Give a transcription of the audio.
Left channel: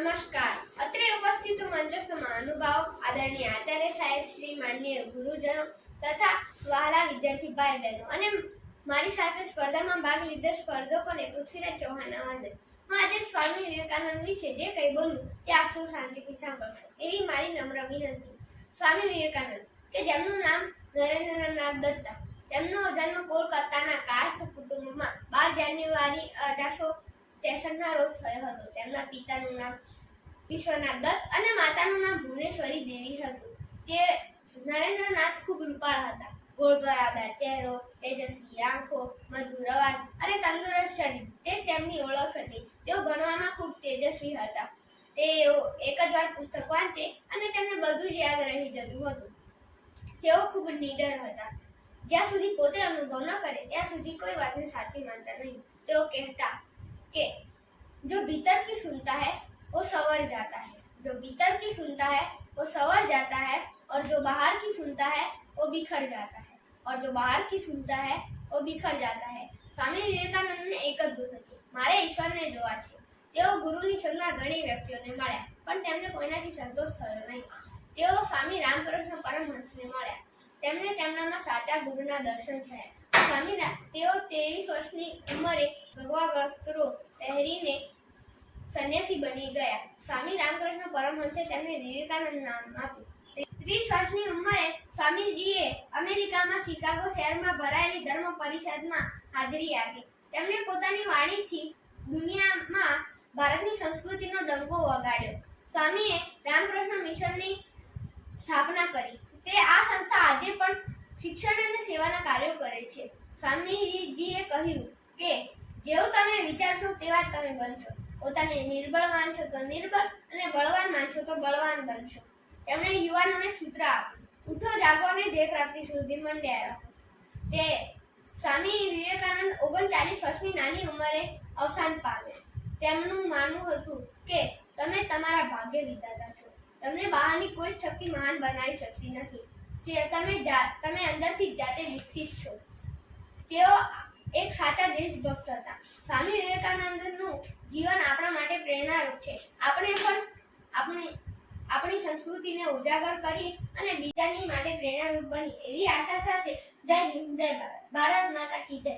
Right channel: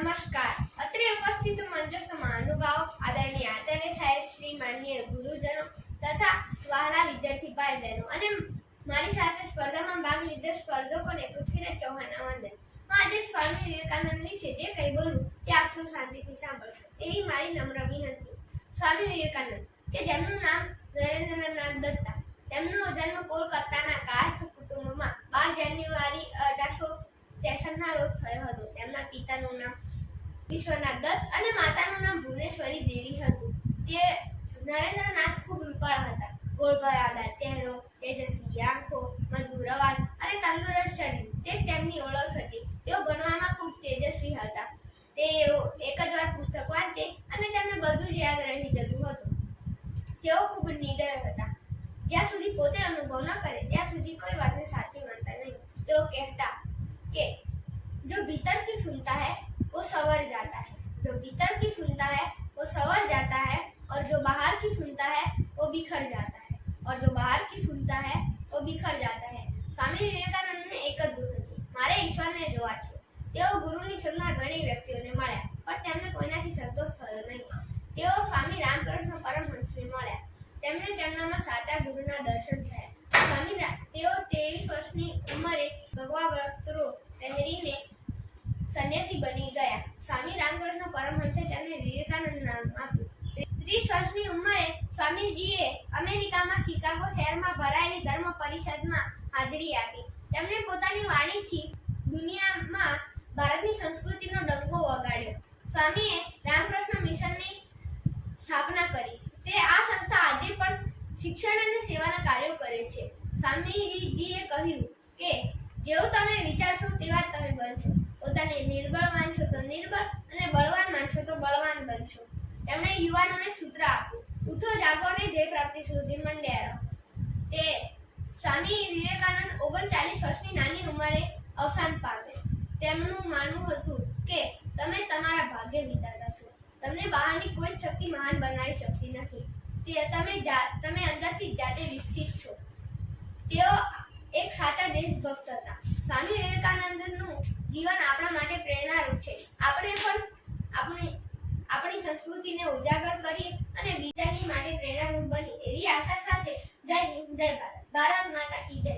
નમસ્કાર. અત્રે ઉપસ્થિત મંચસ્થ મહાનુભાવ, આદરણીય આચાર્ય સાહેબ શ્રી, માનનીય ગુરુજનો તથા વહાલા વિદ્યાર્થી ભાઈ બહેનો અને મારી સાથે સ્પર્ધામાં ભાગ લીધેલ સ્પર્ધકોને પૃથ્વીરાજ ચૌહાણના વંદન. હું આજે સ્વામી વિવેકાનંદ વિશે જે કંઈ બોલું તે આપ સૌ શાંતિથી સાંભળશો એવી મારી નમ્ર વિનંતી. સ્વામી વિવેકાનંદ કે જેમનું નામ નરેન્દ્રનાથ દત્તા, તેમનો જન્મ કોલકાતાના કાસ્થ કુટુંબમાં 12 જાન્યુઆરી 1863 ના રોજ થયો હતો. તેમના પિતાનું નામ વિશ્વનાથ દત્ત અને માતાનું નામ ભુવનેશ્વરી દેવી હતું. તે નરેન્દ્રનાથ ખૂબ રૂપાળા હતા. ગોળભરાદાર ચહેરો, તેજસ્વી આંખો, મધુર અવાજ અને તંદુરસ્ત શરીર તે તેમની ઓળખ હતી. તેઓ ભણવામાં ખૂબ તેજસ્વી હતા. તેઓ એક જ વાર પુસ્તક વાંચે અને તેમને બધું જ યાદ રહી જતું હતું. તેઓ ખૂબ નીડર હતા. જ્યાં સુધી પોતે અનુભવ ન કરે ત્યાં સુધી કોઈ વાતને સાચી માનતા નહીં. તેઓ કહેતા कि जो भीतर की सुनता है वो संवर जाता है, जो भीतर की सुनता है वो संवर जाता है, और जो बाहर की सुनता है वो बिखर जाता है, और जो बाहर की सुनता है वो बिखर जाता है. સ્વામી વિવેકાનંદને એક જ ધૂન હતી, મારે ઈશ્વરને જોવા છે. તેઓ ગુરુની શોધમાં ઘણી વ્યક્તિઓને મળ્યા, પણ તેમને કોઈનાથી સંતોષ થયો નહીં. તેઓ સ્વામી રામકૃષ્ણ પરમહંસને મળ્યા. તેમને તેમનામાં સાચા ગુરુના દર્શન થયા. તેઓ 23 વર્ષની ઉંમરે ભગવા વસ્ત્રો પહેરીને સંન્યાસી બની ગયા. સ્વામી રામકૃષ્ણ પરમહંસે તેમને વિવેકાનંદ નામ આપ્યું. 30 વર્ષની ઉંમરે સ્વામીજીએ અમેરિકામાં શિકાગો શહેરમાં ભરાયેલી ધર્મ પરિષદમાં હાજરી આપી. તેમણે પોતાની વાણીથી દુનિયામાં ભારતની સંસ્કૃતિનો ડંકો વગાડ્યો. સ્વામીએ રામકૃષ્ણ મિશનની સ્થાપના કરી. તે આ સંસ્થા આજે પણ શિક્ષણ અને સેવાના કાર્યો કરે છે. સ્વામીજીએ કહ્યું કે જેવું તમે વિચારશો તેવા જ તમે બનશો. પોતાને નિર્બળ માનશો તો નિર્બળ અને બળવાન માનશો તો બળવાન બનશો. તેમણે યુવાનોને સૂત્ર આપ્યું, ઉઠો જાગો અને ધ્યેય પ્રાપ્તિ સુધી મંડ્યા રહો. તે સ્વામી વિવેકાનંદ 39 વર્ષની નાની ઉંમરે અવસાન પામે. તેમનું માનવું હતું કે તમે તમારા ભાગ્ય વિધાતા છો. તમને બહારની કોઈ શક્તિ મહાન બનાવી શકતી નથી. તમે અંદરથી જાતે વિકસિત છો. તેઓ એક સાચા દેશભક્ત હતા. સ્વામી વિવેકાનંદનું જીવન આપણા માટે પ્રેરણારૂપ છે. આપણે પણ આપણી સંસ્કૃતિને ઉજાગર કરી અને બીજાની માટે પ્રેરણારૂપ બની એવી આશા સાથે જય હિન્દ, જય ભારત. ભારત માતા કી જય.